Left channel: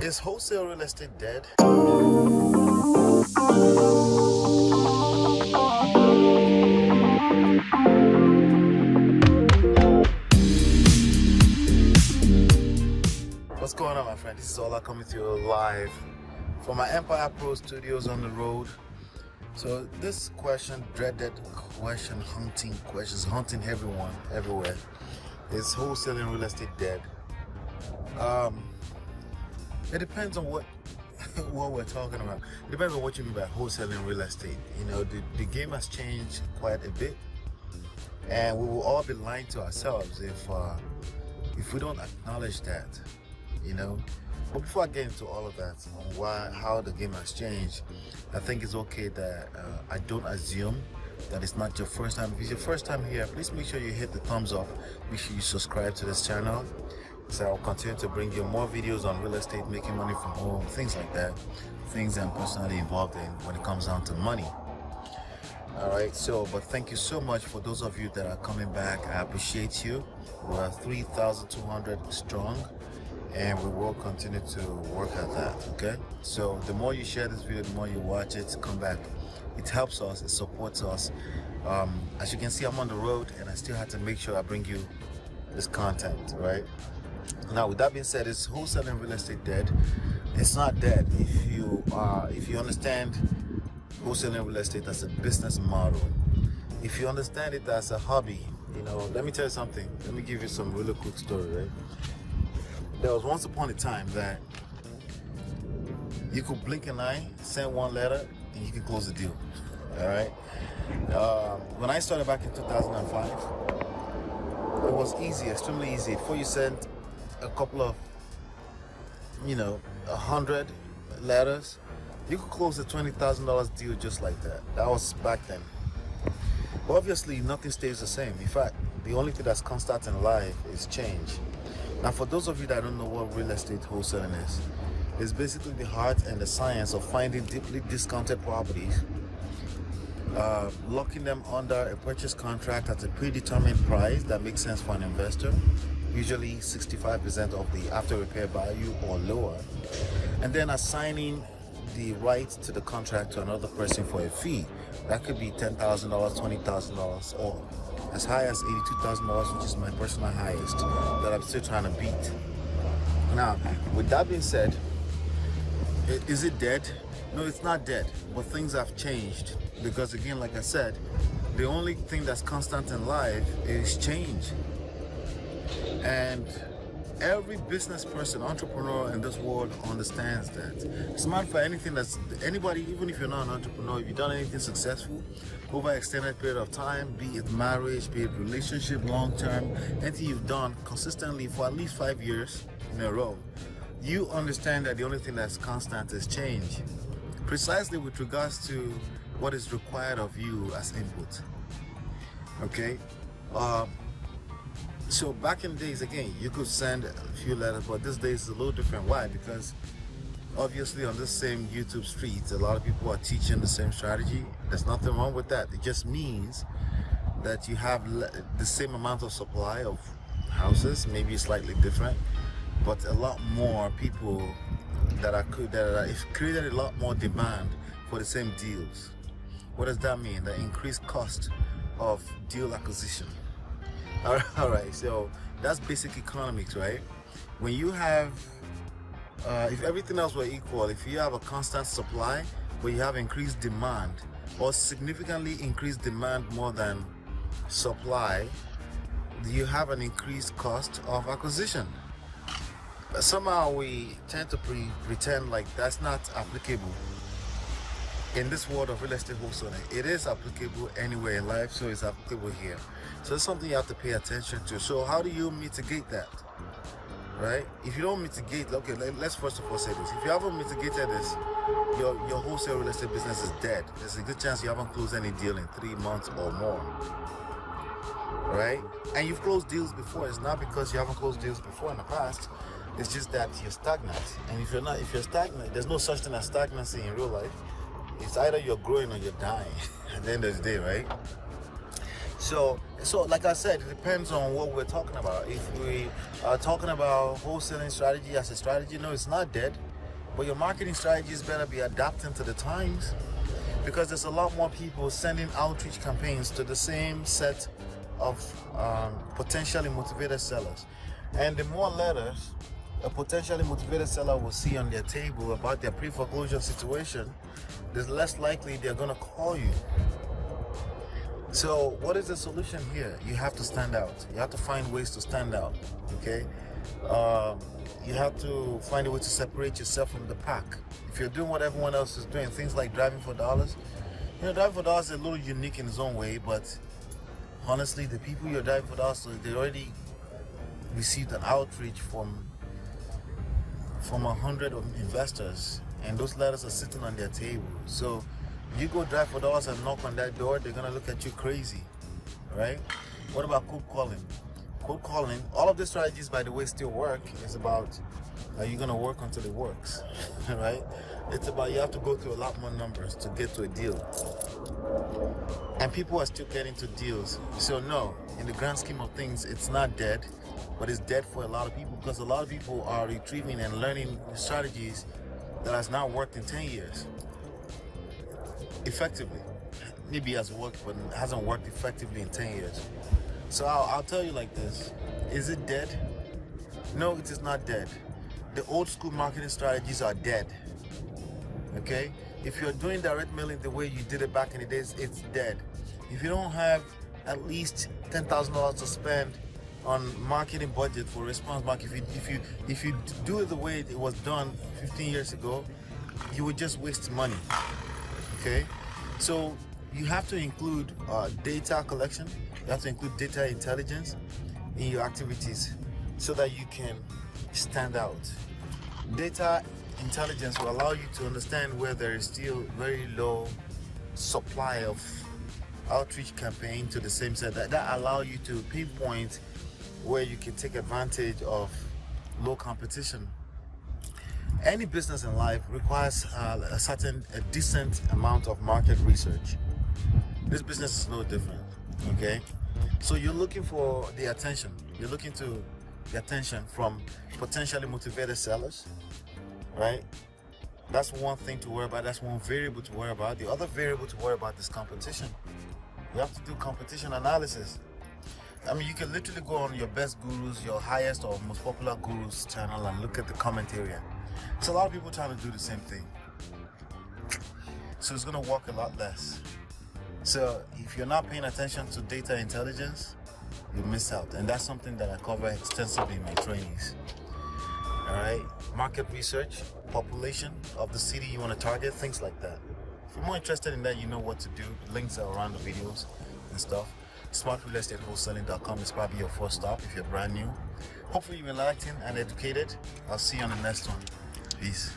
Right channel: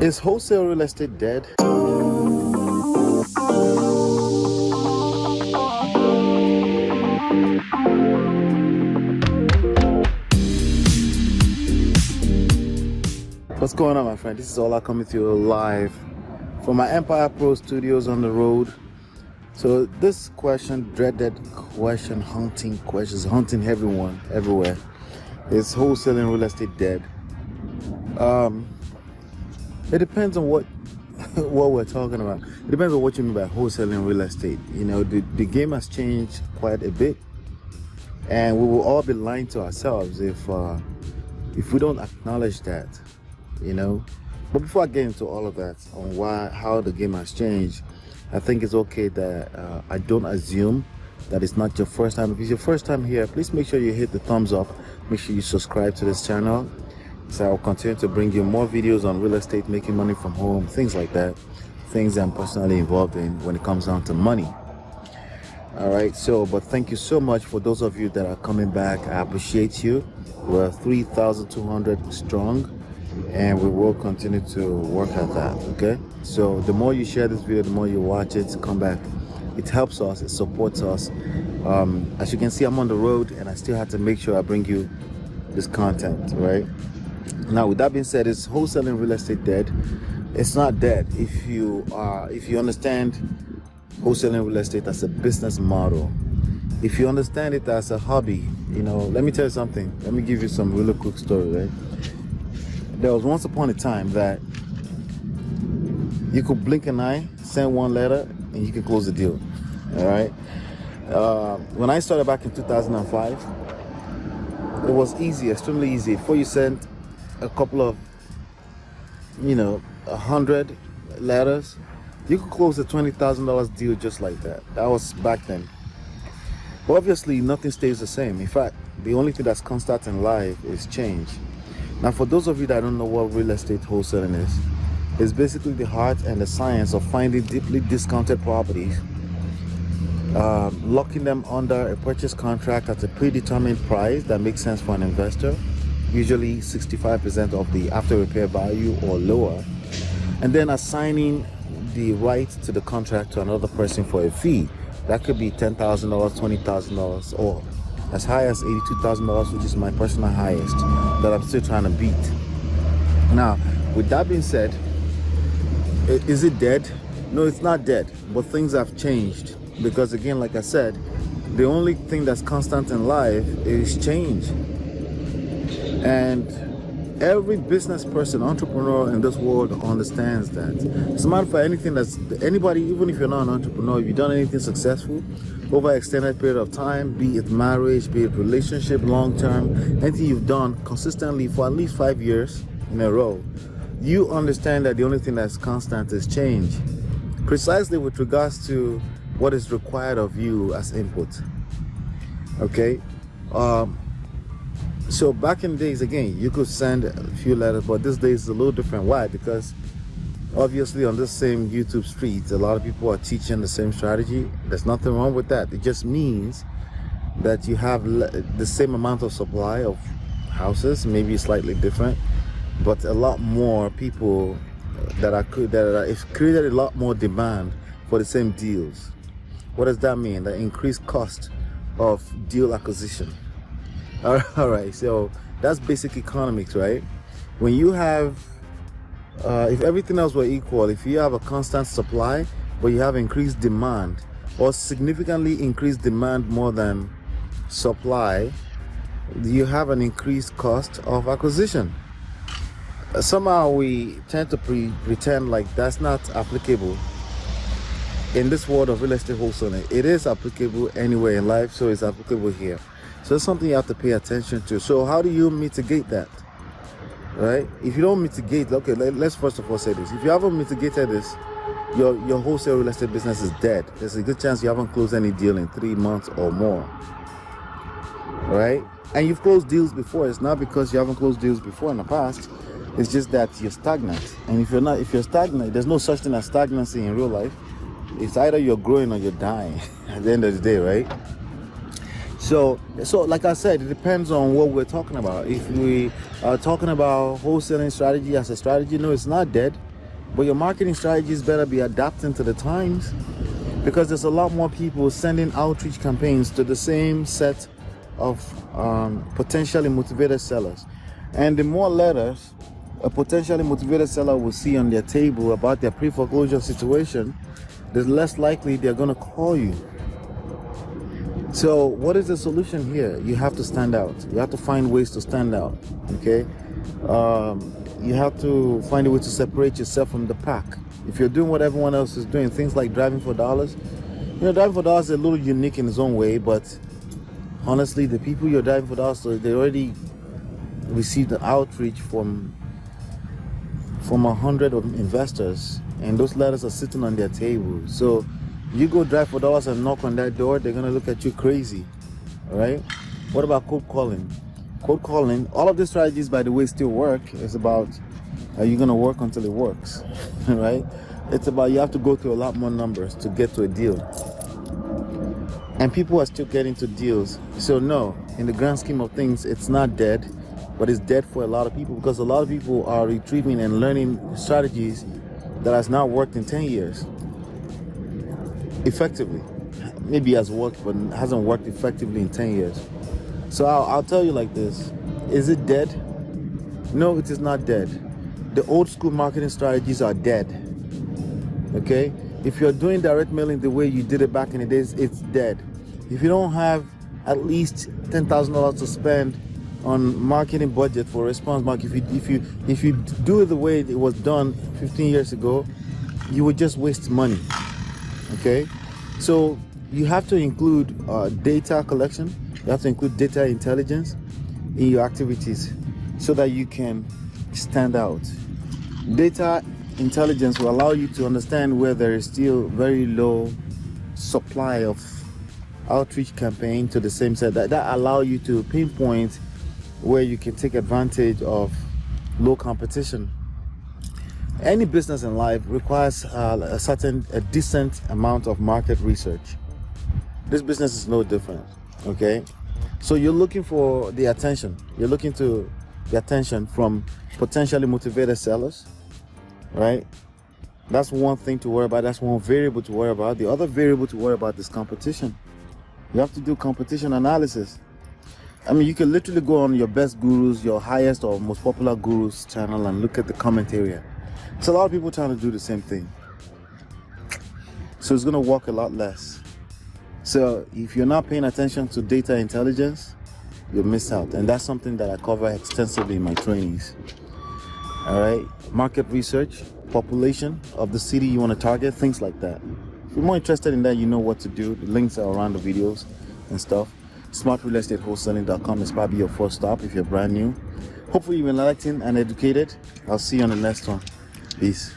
Is wholesale real estate dead? What's going on, my friend? This is Ola coming to you live from my myEmpirePRO studios on the road. So this question, dreaded question, haunting everyone everywhere. Is wholesaling real estate dead? It depends on what we're talking about. It depends on what you mean by wholesaling real estate. You know, the game has changed quite a bit, and we will all be lying to ourselves if we don't acknowledge that. You know, but before I get into all of that on how the game has changed, I think it's okay that I don't assume that it's not your first time. If it's your first time here, please make sure you hit the thumbs up. Make sure you subscribe to this channel, so I'll continue to bring you more videos on real estate, making money from home, things like that, things I'm personally involved in when it comes down to money. All right, but thank you so much for those of you that are coming back. I appreciate you. We're 3,200 strong, and we will continue to work at that. Okay, so the more you share this video, the more you watch it, come back. It helps us, it supports us. As you can see, I'm on the road, and I still have to make sure I bring you this content, right? Now, with that being said, is wholesaling real estate dead? It's not dead if you understand wholesaling real estate as a business model. If you understand it as a hobby, you know, let me tell you something. Let me give you some really quick story, right? There was once upon a time that you could blink an eye, send one letter, and you can close the deal. All right. When I started back in 2005, it was easy, extremely easy. Before you sent a couple of, 100 letters, you could close a $20,000 deal just like that. That was back then. But obviously, nothing stays the same. In fact, the only thing that's constant in life is change. Now, for those of you that don't know what real estate wholesaling is, it's basically the art and the science of finding deeply discounted properties, locking them under a purchase contract at a predetermined price that makes sense for an investor, usually 65% of the after repair value or lower, and then assigning the right to the contract to another person for a fee. That could be $10,000, $20,000, or as high as $82,000, which is my personal highest that I'm still trying to beat. Now, with that being said, is it dead? No, it's not dead, but things have changed. Because again, like I said, the only thing that's constant in life is change. And every business person, entrepreneur in this world understands that. It's not for anything that's anybody, even if you're not an entrepreneur, if you've done anything successful over an extended period of time, be it marriage, be it relationship, long term, anything you've done consistently for at least 5 years in a row, you understand that the only thing that's constant is change. Precisely with regards to what is required of you as input. Okay? So back in the days, again, you could send a few letters, but these days it's a little different. Why? Because obviously on this same YouTube streets, a lot of people are teaching the same strategy. There's nothing wrong with that. It just means that you have the same amount of supply of houses, maybe slightly different, but a lot more people it's created a lot more demand for the same deals. What does that mean? The increased cost of deal acquisition. All right, so that's basic economics, right? When you have, if everything else were equal, if you have a constant supply, but you have increased demand, or significantly increased demand more than supply, you have an increased cost of acquisition. Somehow we tend to pretend like that's not applicable in this world of real estate wholesaling. It is applicable anywhere in life, so it's applicable here. So it's something you have to pay attention to. So how do you mitigate that, right? If you don't mitigate, okay, let's first of all say this. If you haven't mitigated this, your wholesale real estate business is dead. There's a good chance you haven't closed any deal in 3 months or more, right? And you've closed deals before. It's not because you haven't closed deals before in the past. It's just that you're stagnant. And if you're stagnant, there's no such thing as stagnancy in real life. It's either you're growing or you're dying at the end of the day, right? So like I said, it depends on what we're talking about. If we are talking about wholesaling strategy as a strategy, no, it's not dead. But your marketing strategies better be adapting to the times, because there's a lot more people sending outreach campaigns to the same set of potentially motivated sellers. And the more letters a potentially motivated seller will see on their table about their pre-foreclosure situation, the less likely they're going to call you. So what is the solution here? You have to stand out. You have to find ways to stand out, okay? You have to find a way to separate yourself from the pack. If you're doing what everyone else is doing, things like driving for dollars, driving for dollars is a little unique in its own way, but honestly, the people you're driving for dollars, so they already received an outreach from 100 of investors, and those letters are sitting on their table. So you go drive for dollars and knock on that door, they're gonna look at you crazy. All right? What about cold calling? Cold calling, all of these strategies, by the way, still work. It's about you're gonna work until it works, right? It's about you have to go through a lot more numbers to get to a deal, and people are still getting to deals. So no, in the grand scheme of things, it's not dead, but it's dead for a lot of people, because a lot of people are retrieving and learning strategies that has not worked in 10 years effectively. Maybe has worked, but hasn't worked effectively in 10 years. So I'll tell you like this: is it dead? No, it is not dead. The old school marketing strategies are dead. Okay? If you're doing direct mailing the way you did it back in the days, it's dead. If you don't have at least $10,000 to spend on marketing budget for response marketing, if you do it the way it was done 15 years ago, you would just waste money. Okay? So you have to include data collection. You have to include data intelligence in your activities so that you can stand out. Data intelligence will allow you to understand where there is still very low supply of outreach campaign to the same set. That allow you to pinpoint where you can take advantage of low competition. Any business in life requires a decent amount of market research. This business is no different. Okay, so you're looking for the attention. You're looking to the attention from potentially motivated sellers, right? That's one thing to worry about. That's one variable to worry about. The other variable to worry about is competition. You have to do competition analysis. I mean, you can literally go on your best gurus, your highest or most popular gurus channel, and look at the comment area. It's a lot of people trying to do the same thing, so it's going to work a lot less. So if you're not paying attention to data intelligence, you'll miss out. And that's something that I cover extensively in my trainings. All right, market research, population of the city you want to target, things like that. If you're more interested in that, you know what to do. The links are around the videos and stuff. SmartRealEstateWholesaling.com is probably your first stop if you're brand new. Hopefully you've been enlightened and educated. I'll see you on the next one. Peace.